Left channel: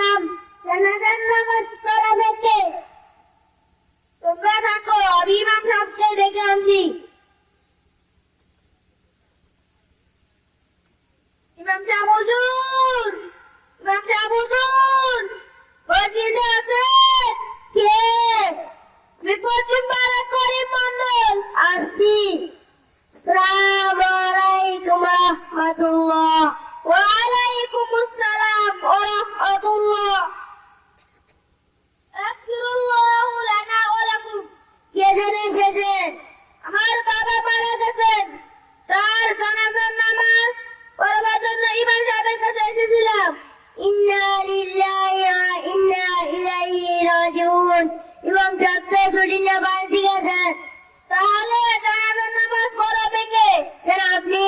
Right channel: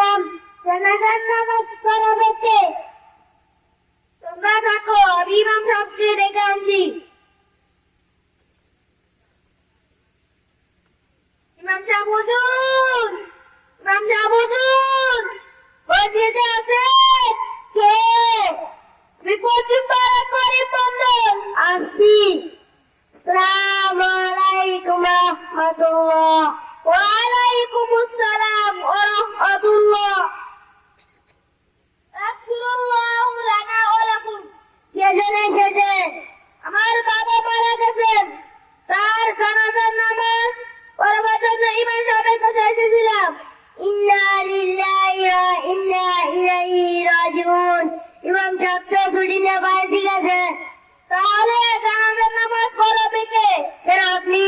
এসেছিলাম জানাজার নামাজ পড়াবে কে? তোমরা থাকো, আমি ইমাম সাহেবকে ডেকে আনছি। ইমাম সাহেব হুজুর, ইমাম সাহেব হুজুর, মসজিদে আছে কে? আমি পশ্চিম পাড়া করিম মন্ডল আসছি। আসসালামু আলাইকুম রাহমাতুল্লাহ। ওয়া আলাইকুম আসসালাম ওয়া রাহমাতুল্লাহ। আস্তাগফিরুল্লাহু লানা ওয়া লাকুম। কে যেন এসেছেন? আমার বাবা মারা গেছেন, তার জানাজার নামাজ পড়াবার জন্য ইমাম সাহেবের কাছে এসেছিলাম। ইন্না লিল্লাহি ওয়া ইন্না ইলাইহি রাজিউন। ইমাম সাহেব তো ছুটি নিয়ে বাড়ি গেছেন। তাহলে জানাজার নামাজ পড়াবে কে? কেন আপনি